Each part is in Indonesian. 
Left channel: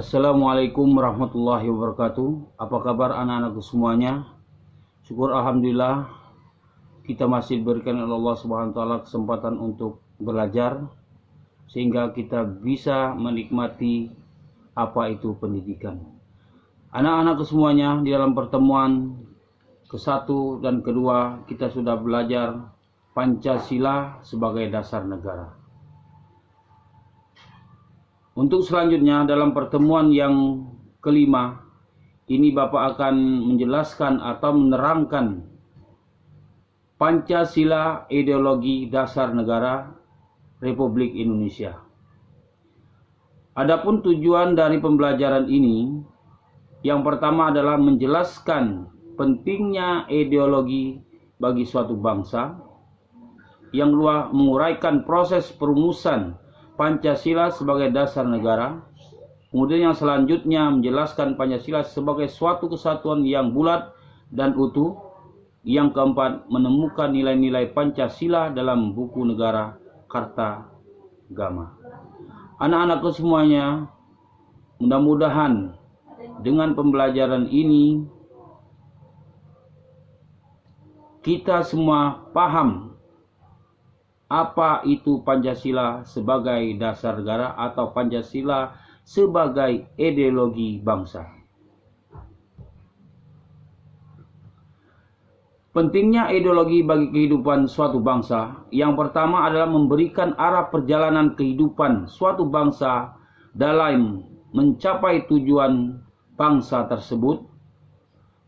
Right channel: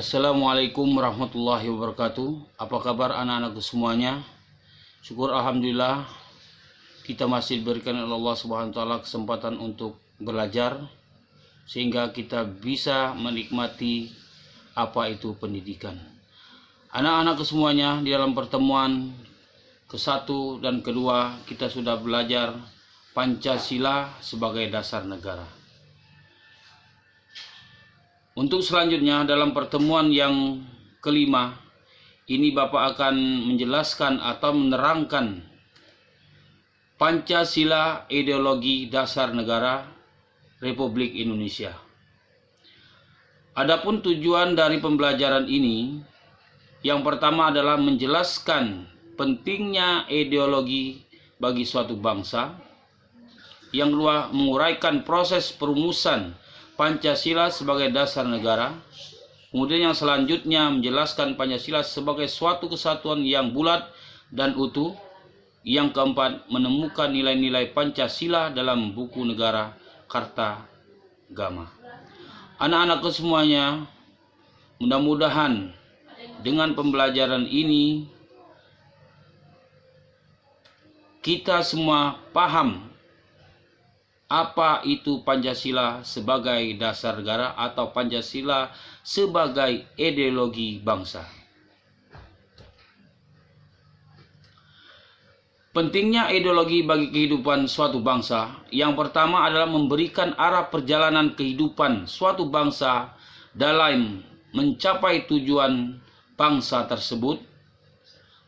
Assalamualaikum warahmatullahi wabarakatuh. Apa kabar anak-anakku semuanya? Syukur alhamdulillah kita masih diberikan oleh Allah Subhanahu wa taala kesempatan untuk belajar sehingga kita bisa menikmati apa itu pendidikan. Anak-anakku semuanya, di dalam pertemuan ke-1 dan ke-2 kita sudah belajar Pancasila sebagai dasar negara. Untuk selanjutnya dalam pertemuan yang ke-5 ini Bapak akan menjelaskan atau menerangkan Pancasila ideologi dasar negara Republik Indonesia. Adapun tujuan dari pembelajaran ini yang pertama adalah menjelaskan pentingnya ideologi bagi suatu bangsa. Yang kedua, menguraikan proses perumusan Pancasila sebagai dasar negara. Kemudian yang selanjutnya menjelaskan Pancasila sebagai suatu kesatuan yang bulat dan utuh. Yang keempat, menemukan nilai-nilai Pancasila dalam buku negara Karta Gama. Anak-anakku semuanya, mudah-mudahan dengan pembelajaran ini kita semua paham apa itu Pancasila sebagai dasar negara atau Pancasila sebagai ideologi bangsa. Pentingnya ideologi bagi kehidupan suatu bangsa. Yang pertama adalah memberikan arah perjalanan kehidupan suatu bangsa dalam mencapai tujuan bangsa tersebut.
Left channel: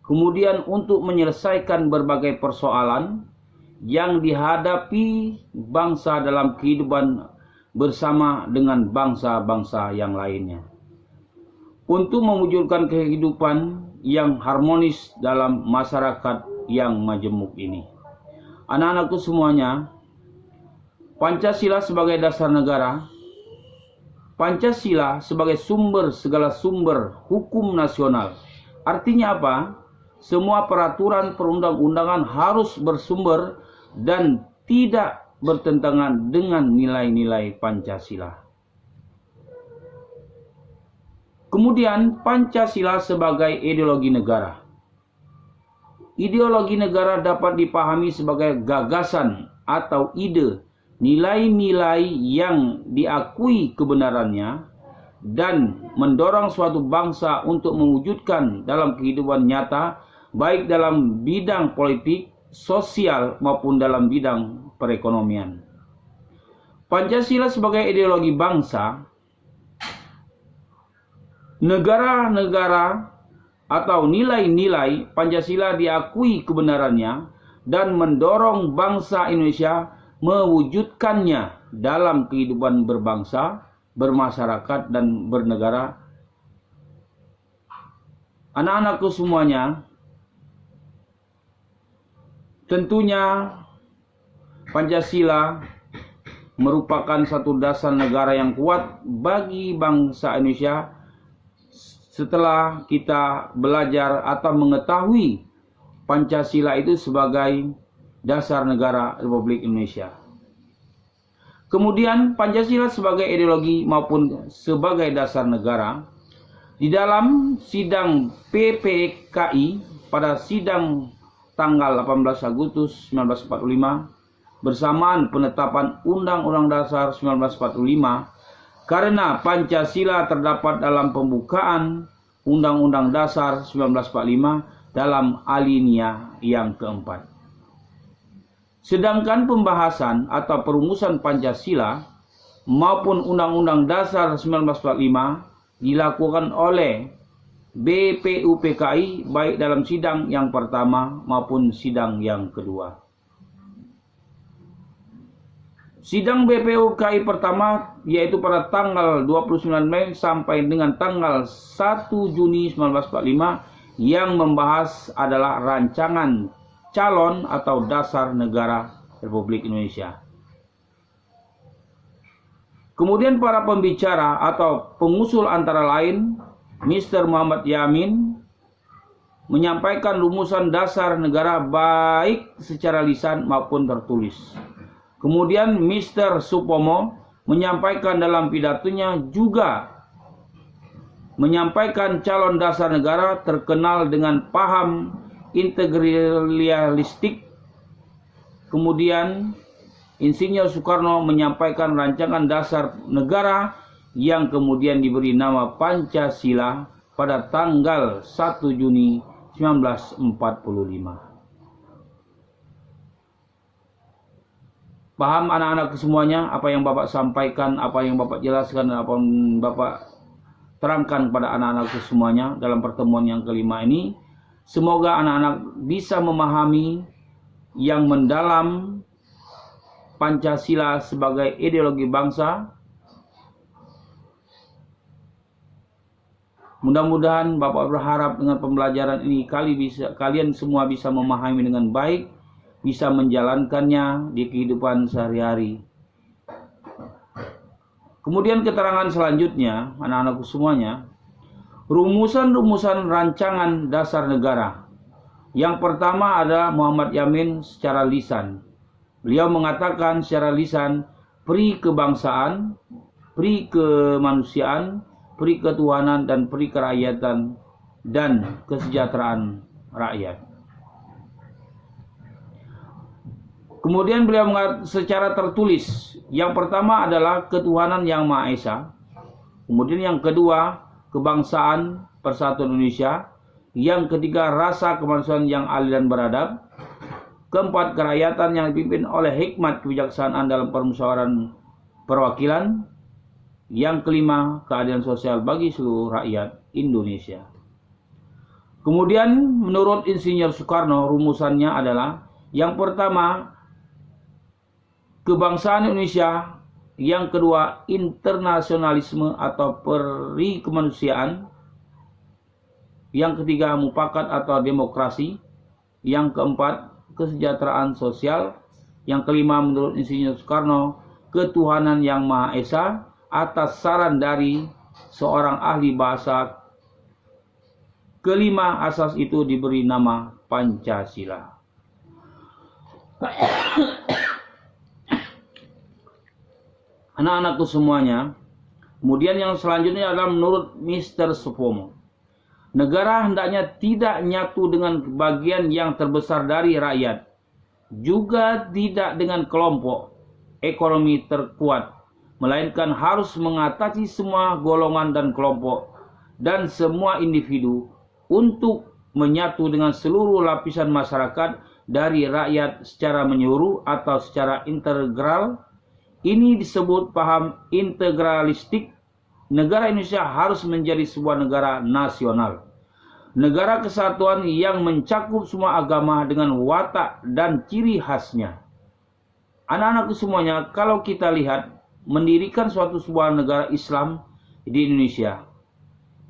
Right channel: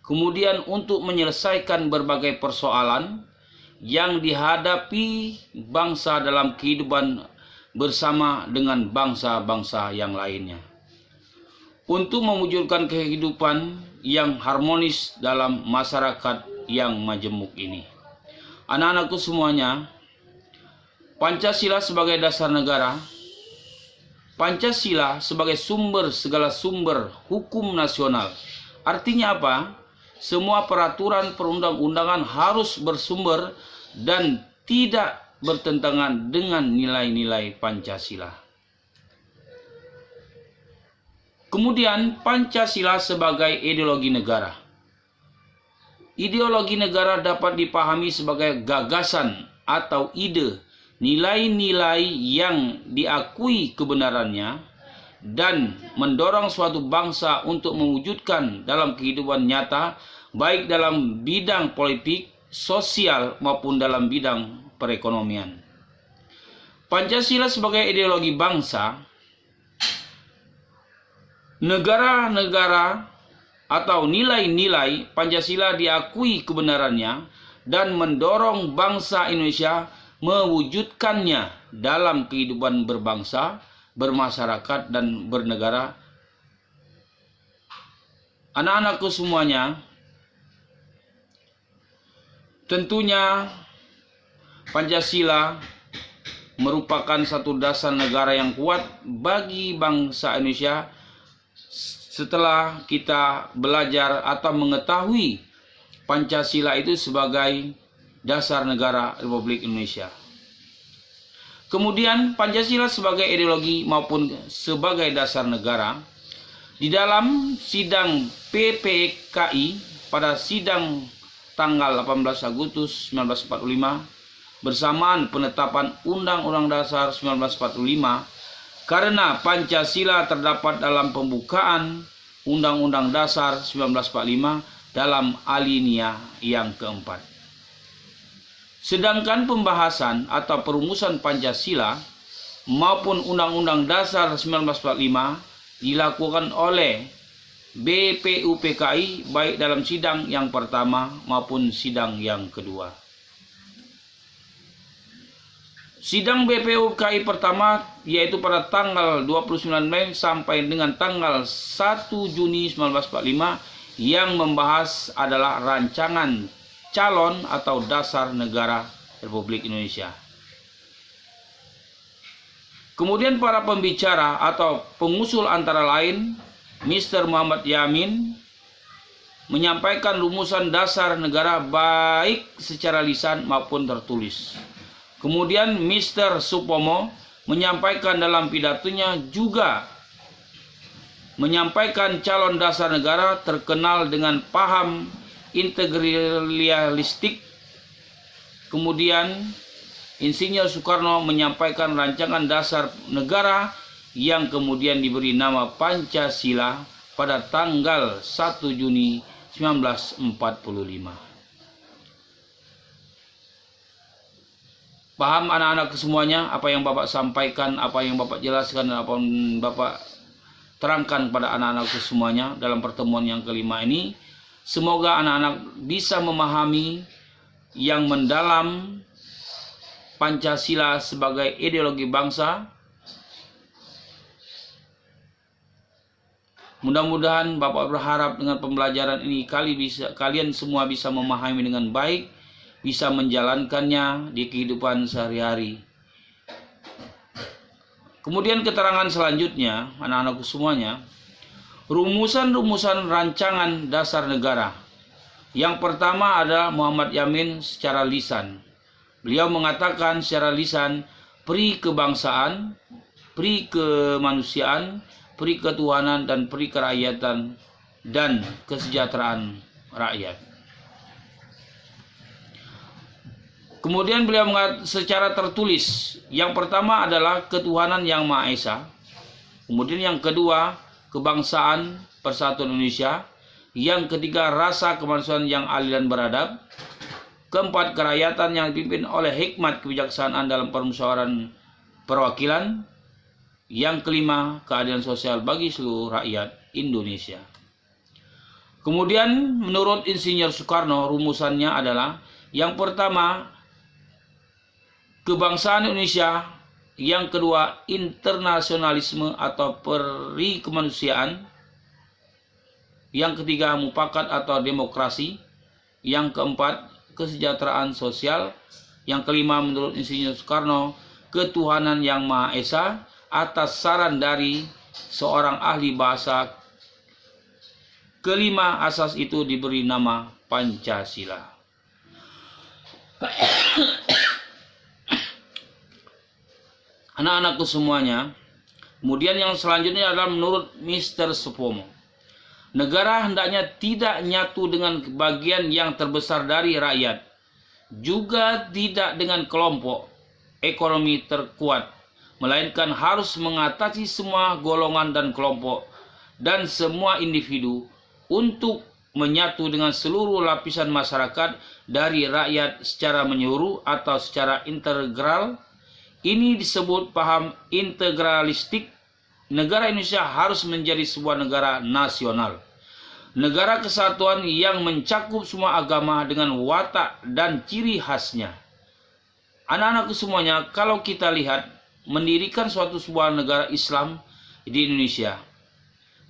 Kemudian untuk menyelesaikan berbagai persoalan yang dihadapi bangsa dalam kehidupan bersama dengan bangsa-bangsa yang lainnya, untuk mewujudkan kehidupan yang harmonis dalam masyarakat yang majemuk ini. Anak-anakku semuanya, Pancasila sebagai dasar negara, Pancasila sebagai sumber segala sumber hukum nasional. Artinya apa? Semua peraturan perundang-undangan harus bersumber dan tidak bertentangan dengan nilai-nilai Pancasila. Kemudian Pancasila sebagai ideologi negara. Ideologi negara dapat dipahami sebagai gagasan atau ide, nilai-nilai yang diakui kebenarannya dan mendorong suatu bangsa untuk mewujudkan dalam kehidupan nyata, baik dalam bidang politik, sosial maupun dalam bidang perekonomian. Pancasila sebagai ideologi bangsa, negara-negara atau nilai-nilai Pancasila diakui kebenarannya dan mendorong bangsa Indonesia mewujudkannya dalam kehidupan berbangsa, bermasyarakat dan bernegara. Anak-anakku semuanya, tentunya Pancasila merupakan satu dasar negara yang kuat bagi bangsa Indonesia setelah kita belajar atau mengetahui Pancasila itu sebagai dasar negara Republik Indonesia. Kemudian Pancasila sebagai ideologi maupun sebagai dasar negara. Di dalam sidang PPKI pada sidang tanggal 18 Agustus 1945 bersamaan penetapan Undang-Undang Dasar 1945, karena Pancasila terdapat dalam pembukaan Undang-Undang Dasar 1945 dalam alinea yang keempat. Sedangkan pembahasan atau perumusan Pancasila maupun Undang-Undang Dasar 1945 dilakukan oleh BPUPKI baik dalam sidang yang pertama maupun sidang yang kedua. Sidang BPUPKI pertama yaitu pada tanggal 29 Mei sampai dengan tanggal 1 Juni 1945 yang membahas adalah rancangan calon atau dasar negara Republik Indonesia. Kemudian para pembicara atau pengusul antara lain Mr. Muhammad Yamin menyampaikan rumusan dasar negara baik secara lisan maupun tertulis. Kemudian Mr. Supomo menyampaikan dalam pidatonya juga menyampaikan calon dasar negara terkenal dengan paham integralistik. Kemudian Insinyur Soekarno menyampaikan rancangan dasar negara yang kemudian diberi nama Pancasila pada tanggal 1 Juni 1945. Paham anak-anak semuanya apa yang Bapak sampaikan, apa yang Bapak jelaskan, dan apa yang Bapak terangkan kepada anak-anak semuanya dalam pertemuan yang kelima ini. Semoga anak-anak bisa memahami yang mendalam Pancasila sebagai ideologi bangsa. Mudah-mudahan Bapak berharap dengan pembelajaran ini kalian semua bisa memahami dengan baik, bisa menjalankannya di kehidupan sehari-hari. Kemudian keterangan selanjutnya, anak-anakku semuanya, rumusan-rumusan rancangan dasar negara. Yang pertama adalah Muhammad Yamin secara lisan. Beliau mengatakan secara lisan, pri kebangsaan, pri kemanusiaan, pri ketuhanan, dan pri kerakyatan dan kesejahteraan rakyat. Kemudian beliau mengatakan secara tertulis, yang pertama adalah ketuhanan yang Maha Esa. Kemudian yang kedua, kebangsaan persatuan Indonesia. Yang ketiga, rasa kemanusiaan yang adil dan beradab. Keempat, kerakyatan yang dipimpin oleh hikmat kebijaksanaan dalam permusyawaratan perwakilan. Yang kelima, keadilan sosial bagi seluruh rakyat Indonesia. Kemudian menurut Insinyur Soekarno, rumusannya adalah yang pertama, kebangsaan Indonesia. Yang kedua, internasionalisme atau peri kemanusiaan. Yang ketiga, mufakat atau demokrasi. Yang keempat, kesejahteraan sosial. Yang kelima, menurut Insinyur Soekarno, ketuhanan yang Maha Esa atas saran dari seorang ahli bahasa. Kelima asas itu diberi nama Pancasila. Anak-anakku semuanya, kemudian yang selanjutnya adalah menurut Mr. Supomo. Negara hendaknya tidak nyatu dengan bagian yang terbesar dari rakyat, juga tidak dengan kelompok ekonomi terkuat, melainkan harus mengatasi semua golongan dan kelompok dan semua individu untuk menyatu dengan seluruh lapisan masyarakat dari rakyat secara menyeluruh atau secara integral. Ini disebut paham integralistik. Negara Indonesia harus menjadi sebuah negara nasional, negara kesatuan yang mencakup semua agama dengan watak dan ciri khasnya. Anak-anakku semuanya, kalau kita lihat mendirikan suatu sebuah negara Islam di Indonesia,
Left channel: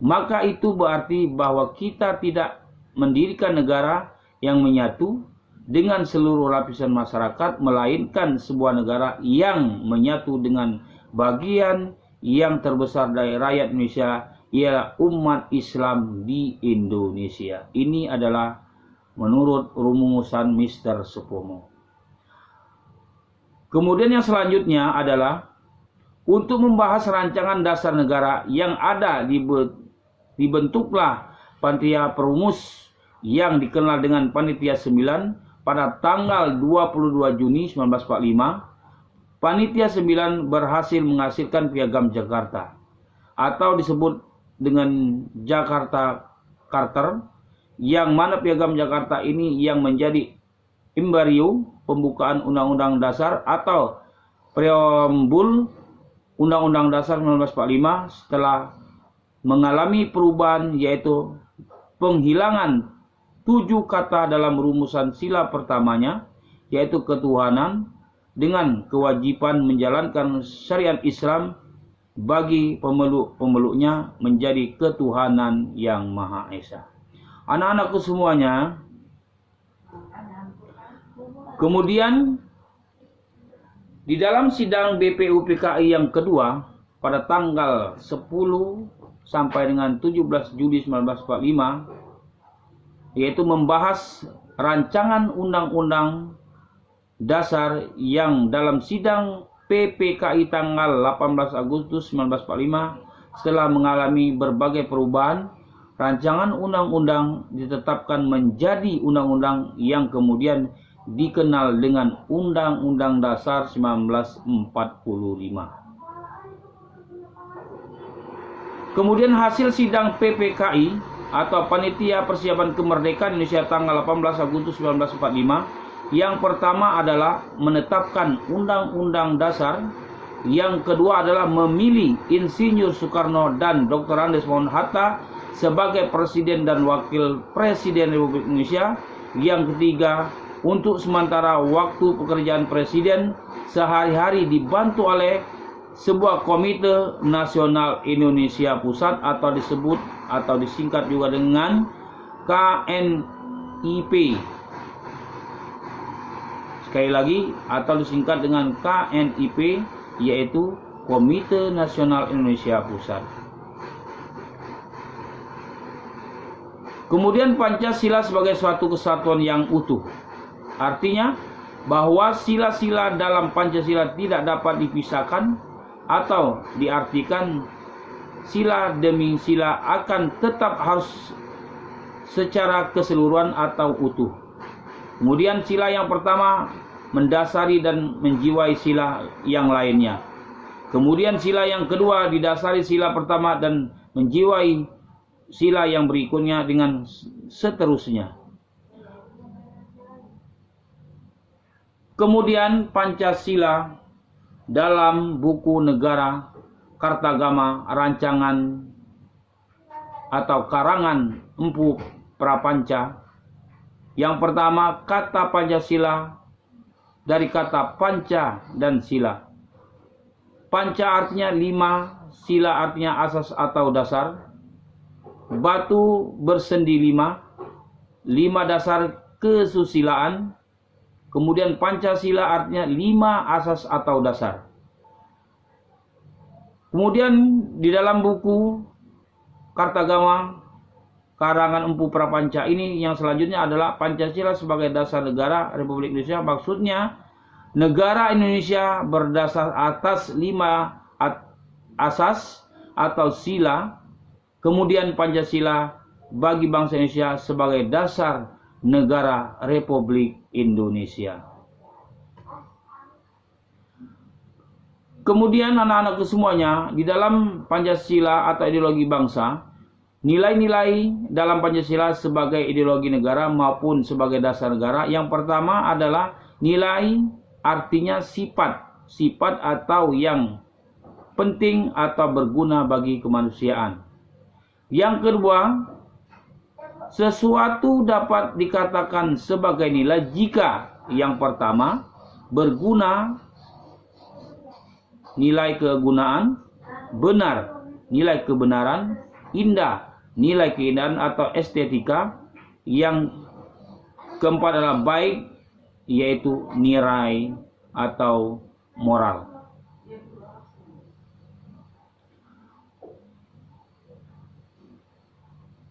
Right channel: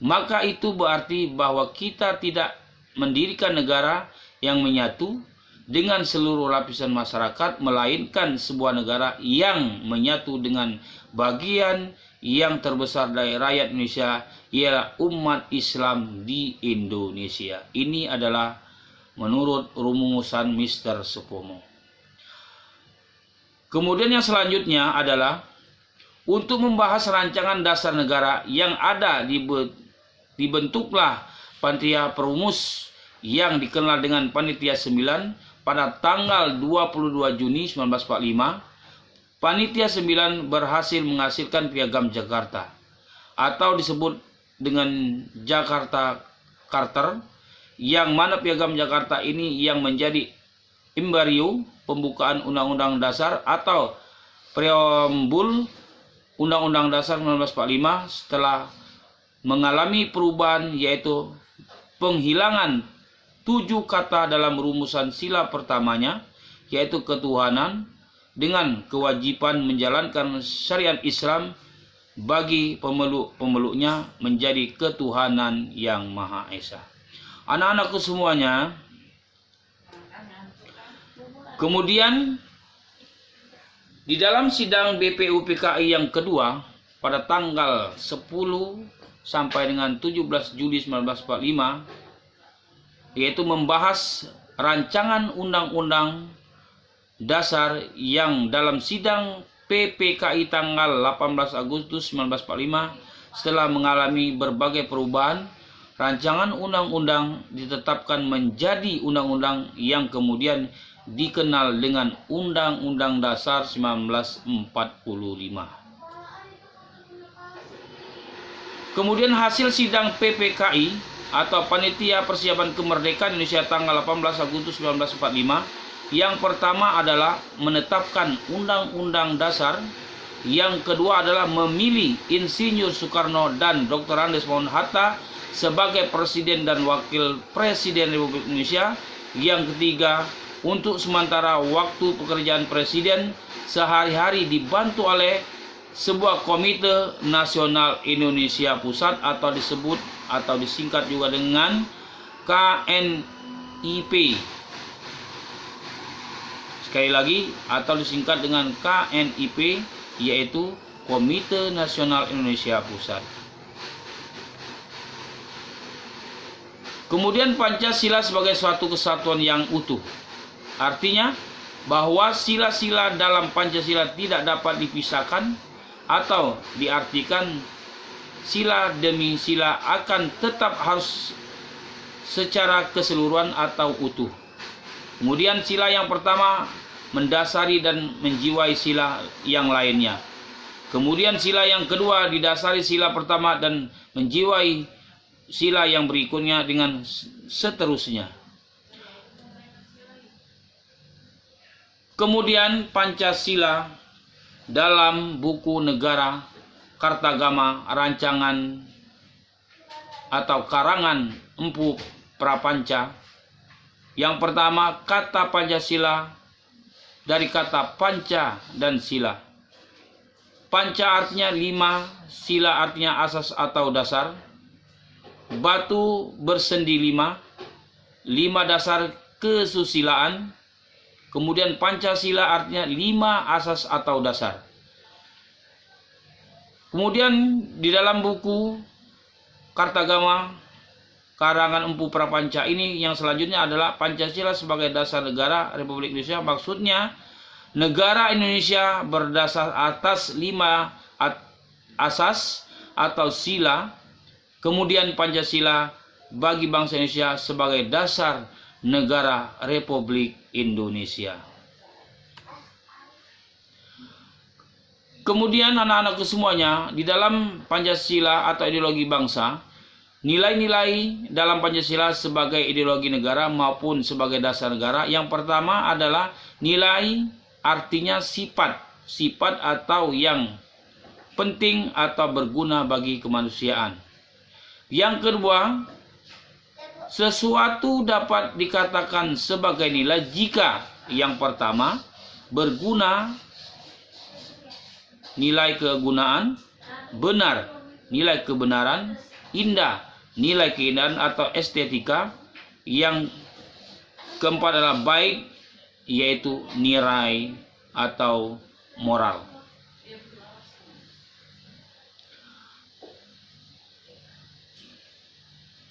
maka itu berarti bahwa kita tidak mendirikan negara yang menyatu dengan seluruh lapisan masyarakat, melainkan sebuah negara yang menyatu dengan bagian yang terbesar dari rakyat Indonesia, ialah umat Islam di Indonesia. Ini adalah menurut rumusan Mr. Supomo. Kemudian yang selanjutnya adalah untuk membahas rancangan dasar negara yang ada, dibentuklah panitia perumus yang dikenal dengan Panitia 9 pada tanggal 22 Juni 1945. Panitia 9 berhasil menghasilkan Piagam Jakarta atau disebut dengan Jakarta Charter, yang mana Piagam Jakarta ini yang menjadi embrio pembukaan Undang-Undang Dasar atau preambul Undang-Undang Dasar 1945 setelah mengalami perubahan, yaitu penghilangan 7 kata dalam rumusan sila pertamanya, yaitu ketuhanan, dengan kewajiban menjalankan syariat Islam bagi pemeluk-pemeluknya menjadi ketuhanan yang Maha Esa. Anak-anakku semuanya, kemudian di dalam sidang BPUPKI yang kedua pada tanggal 10 sampai dengan 17 Juli 1945, yaitu membahas rancangan undang-undang dasar yang dalam sidang PPKI tanggal 18 Agustus 1945 setelah mengalami berbagai perubahan, rancangan undang-undang ditetapkan menjadi undang-undang yang kemudian dikenal dengan Undang-Undang Dasar 1945. Kemudian hasil sidang PPKI atau Panitia Persiapan Kemerdekaan Indonesia tanggal 18 Agustus 1945, yang pertama adalah menetapkan Undang-Undang Dasar, yang kedua adalah memilih Insinyur Soekarno dan Dr. Andes Mohon Hatta sebagai Presiden dan Wakil Presiden Republik Indonesia, yang ketiga untuk sementara waktu pekerjaan Presiden sehari-hari dibantu oleh sebuah Komite Nasional Indonesia Pusat atau disebut atau disingkat juga dengan KNIP. Sekali lagi, atau disingkat dengan KNIP, yaitu Komite Nasional Indonesia Pusat. Kemudian Pancasila sebagai suatu kesatuan yang utuh. Artinya bahwa sila-sila dalam Pancasila tidak dapat dipisahkan atau diartikan sila demi sila akan tetap harus secara keseluruhan atau utuh. Kemudian sila yang pertama mendasari dan menjiwai sila yang lainnya. Kemudian sila yang kedua didasari sila pertama dan menjiwai sila yang berikutnya dengan seterusnya. Kemudian Pancasila dalam buku negara Kartagama rancangan atau karangan Empu Prapanca. Yang pertama, kata Pancasila dari kata panca dan sila. Panca artinya 5, sila artinya asas atau dasar. Batu bersendi 5 dasar kesusilaan. Kemudian Pancasila artinya 5 asas atau dasar. Kemudian di dalam buku Kartagama karangan Empu Prapanca ini yang selanjutnya adalah Pancasila sebagai dasar negara Republik Indonesia. Maksudnya negara Indonesia berdasar atas 5 asas atau sila. Kemudian Pancasila bagi bangsa Indonesia sebagai dasar negara Republik Indonesia. Kemudian anak-anakku semuanya, di dalam Pancasila atau ideologi bangsa, nilai-nilai dalam Pancasila sebagai ideologi negara maupun sebagai dasar negara, yang pertama adalah nilai artinya sifat atau yang penting atau berguna bagi kemanusiaan. Yang kedua, sesuatu dapat dikatakan sebagai nilai jika yang pertama berguna, nilai kegunaan, benar, nilai kebenaran, indah, nilai keindahan atau estetika. Yang keempat adalah baik, yaitu nilai atau moral.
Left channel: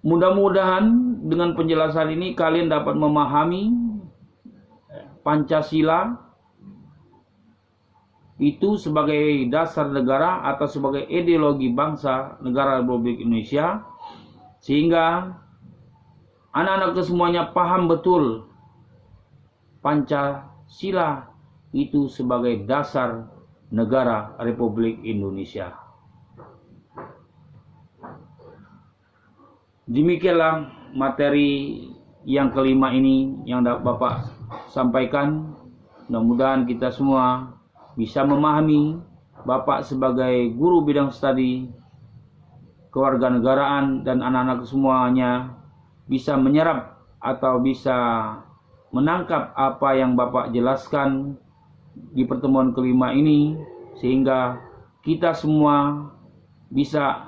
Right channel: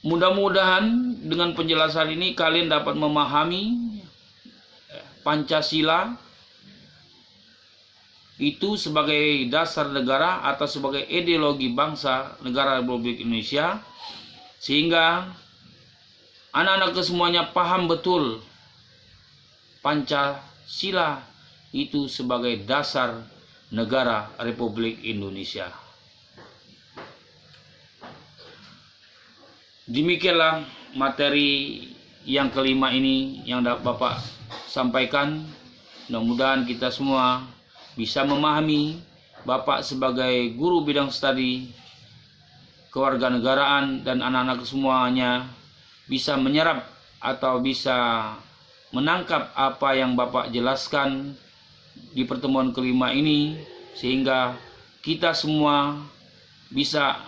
Mudah-mudahan dengan penjelasan ini kalian dapat memahami Pancasila itu sebagai dasar negara atau sebagai ideologi bangsa negara Republik Indonesia, sehingga anak-anak semuanya paham betul Pancasila itu sebagai dasar negara Republik Indonesia. Demikianlah materi yang kelima ini yang Bapak sampaikan. Mudah-mudahan kita semua bisa memahami Bapak sebagai guru bidang studi kewarganegaraan dan anak-anak semuanya bisa menyerap atau bisa menangkap apa yang Bapak jelaskan di pertemuan kelima ini, sehingga kita semua bisa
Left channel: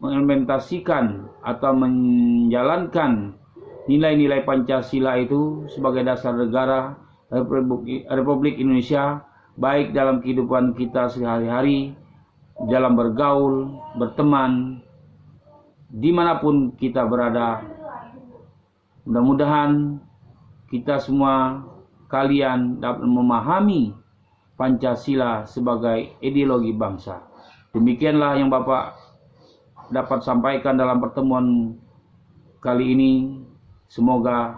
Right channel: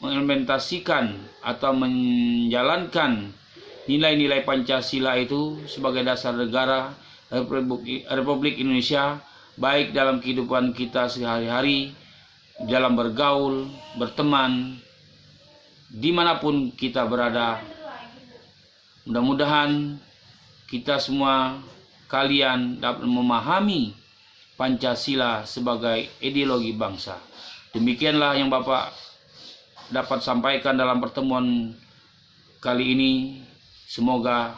mengimplementasikan atau menjalankan nilai-nilai Pancasila itu sebagai dasar negara Republik Indonesia, baik dalam kehidupan kita sehari-hari, dalam bergaul, berteman, dimanapun kita berada. Mudah-mudahan kita semua, kalian dapat memahami Pancasila sebagai ideologi bangsa. Demikianlah yang Bapak dapat sampaikan dalam pertemuan kali ini. Semoga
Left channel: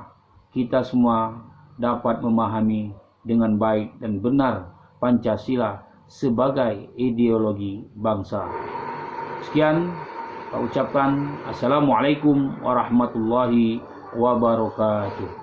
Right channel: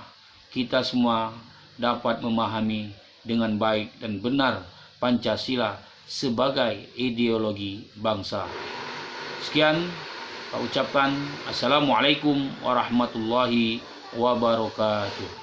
kita semua dapat memahami dengan baik dan benar Pancasila sebagai ideologi bangsa. Sekian, Pak ucapkan Assalamualaikum warahmatullahi wabarakatuh.